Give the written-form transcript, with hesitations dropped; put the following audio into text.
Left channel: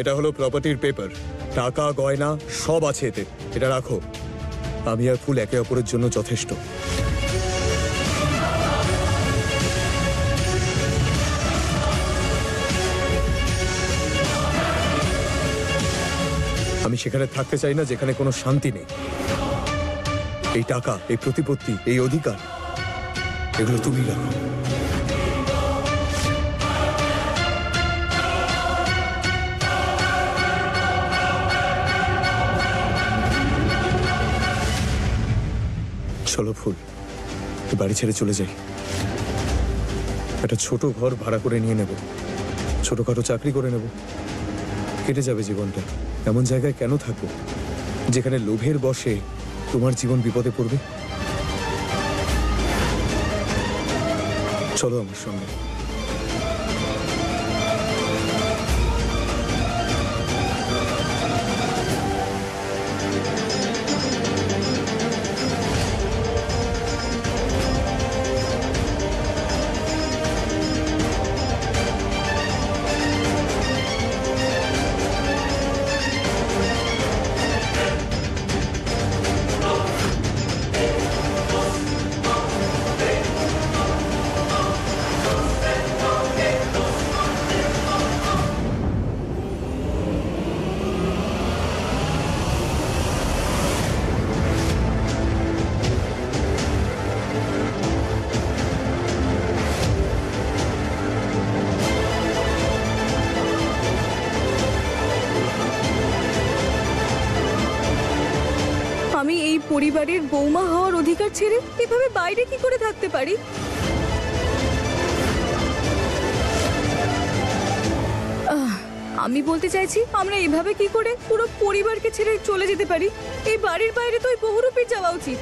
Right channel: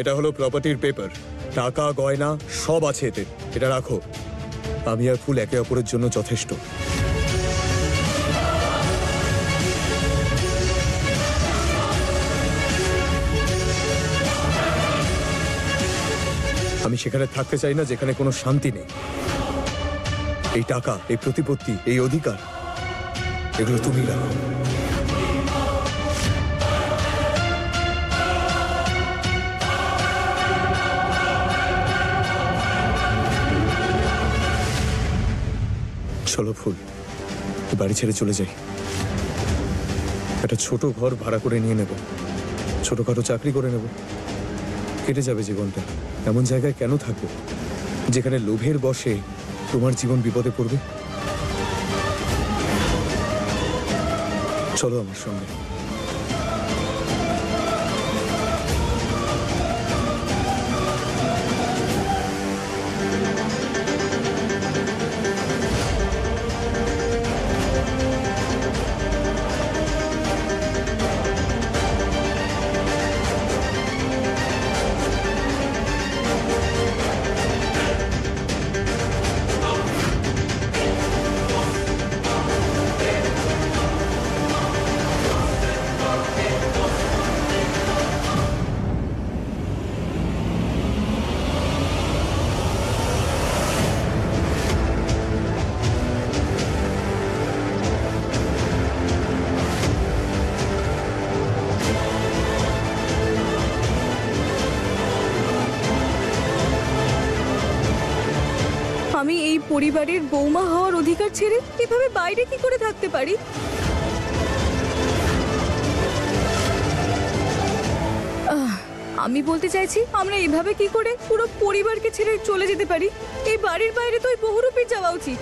এটা হলো প্রপার্টির পেপার, টাকা গয়না সব আছে এতে। এটা রাখো। আমি আর ফুল একে অপরের জন্য যথেষ্ট। আমি সেখানে থাকতে চাই না যেখানে কোনো শান্তি নেই। এই টাকা, এই প্রতিপত্তি, এই অধিকার, এগুলো তুমি রাখো। চলো ফুল, বাড়ি ছেড়ে চলে যাই। একটা ছোট ঘর ভাড়া করে নিয়ে নেব, ছোটখাটো চাকরি করে নেব, কেটে যাবে জীবনটা। এমন জায়গায় কেন থাকবো যেখানে লোভের বশে তোমার জীবন বিপদে পড়বে? চলো আমার সঙ্গে। আমি এই পরিবারের বৌমা হওয়ার অধিকার ছেড়ে এভাবে বাইরে কি করে থাকতে পারি? আমি বলতে চাইছি, আমরা এভাবে কি করে পুরো পরিবারকে ছেড়ে চলে যেতে পারি? এই বাড়ির বাইরে তো ওই বহুরূপীর যাওয়া উচিত।